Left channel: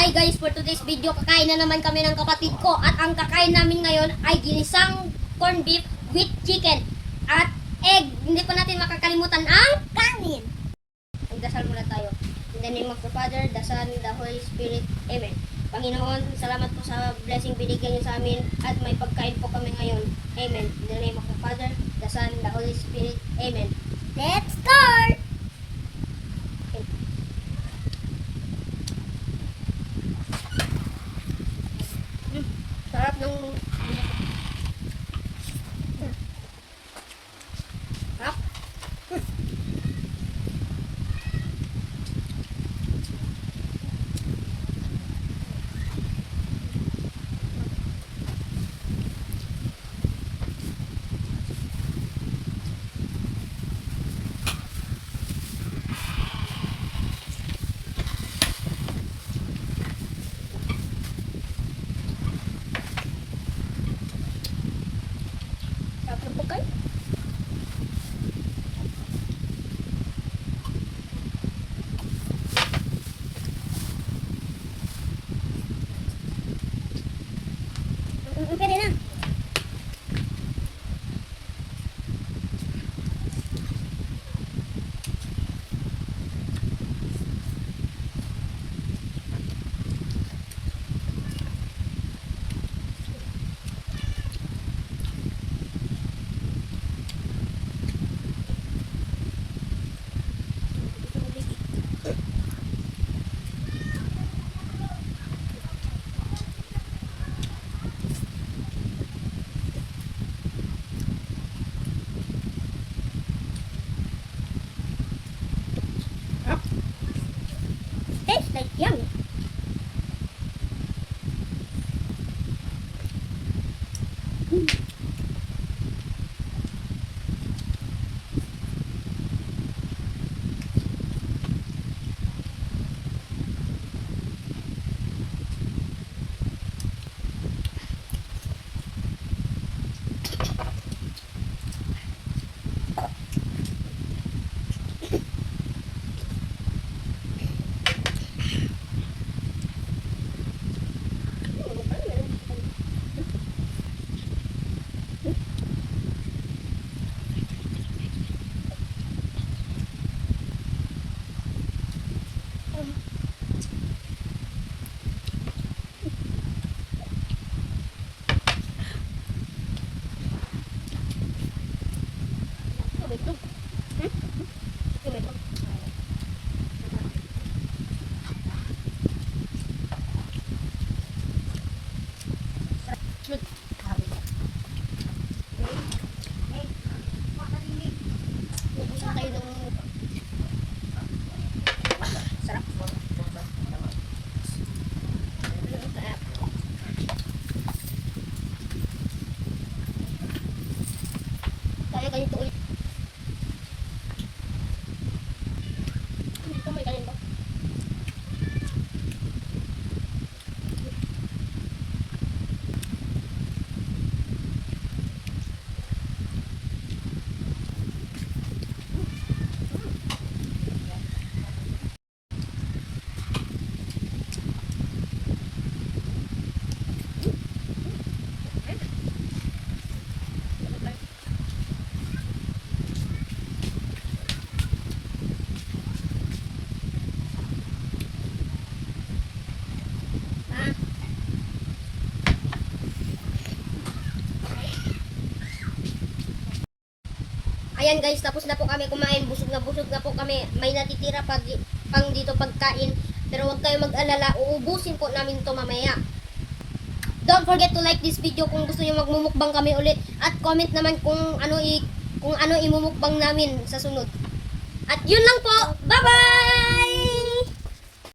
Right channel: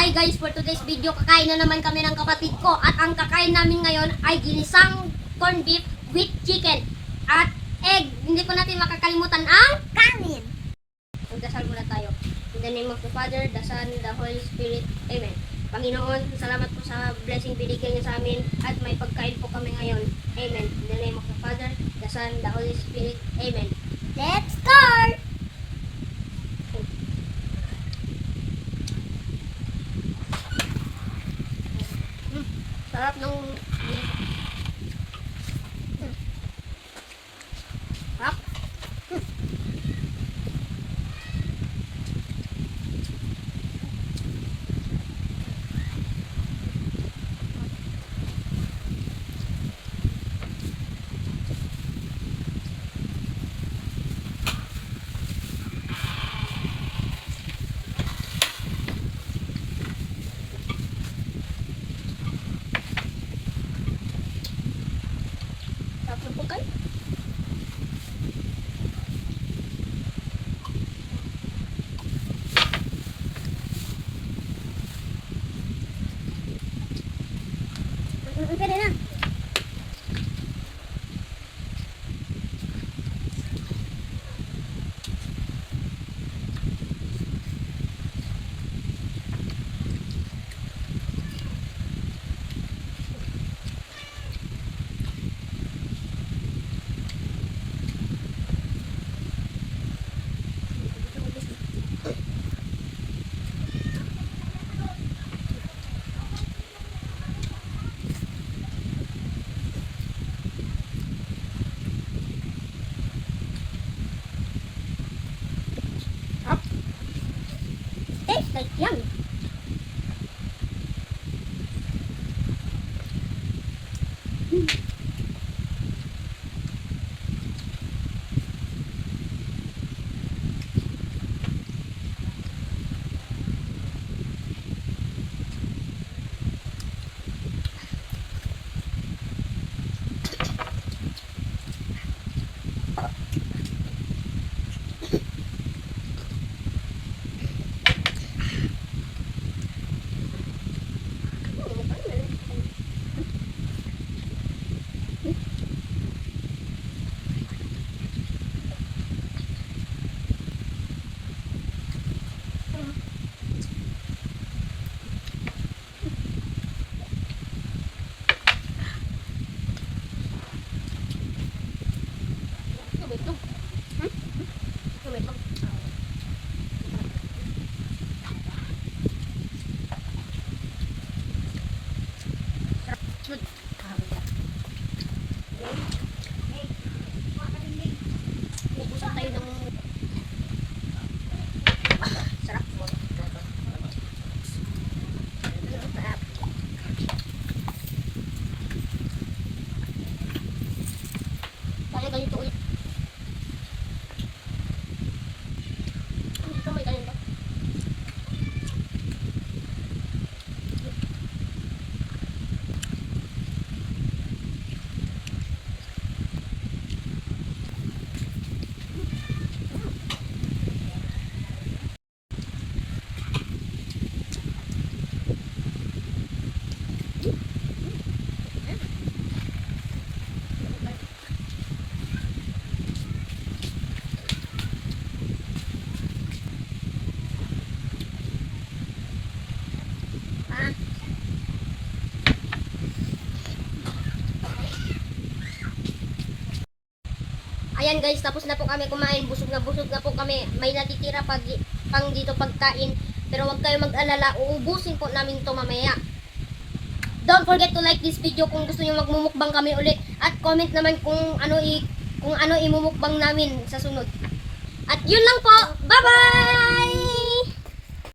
Hi guys, for today's video, kakain na naman kami ng kapatid ko. At ang kakain namin ngayon ay ginisang corned beef with chicken. At egg. Hindi po natin makakalimutan ang kanin. Magdasal muna tayo. In the name of the Father, the Son, the Holy Spirit. Amen. Panginoon, salamat po sa blessing binigyan niyo sa amin at may pagkain po kami ngayon. Amen. In the name of the Father, the Son, the Holy Spirit. Amen. Let's start! Sarap ng... Sarap. Sarap ng pagkain. Pwede na. Tastes like yum. Ubusan tayo ng sarap. Kaya ganito ulit. Ito may ganito. Ayan guys, tapos na po kami kumain. Busog na po kami. May natitira pa pang dito pagkain. Pero huwag kayo mag-alala. Uubusin po namin to mamaya. Don't forget to like this video kung gusto niyo magmumukbang kami ulit. At comment naman kung ano imumukbang namin sa sunod. At yun lang po. Bye-bye!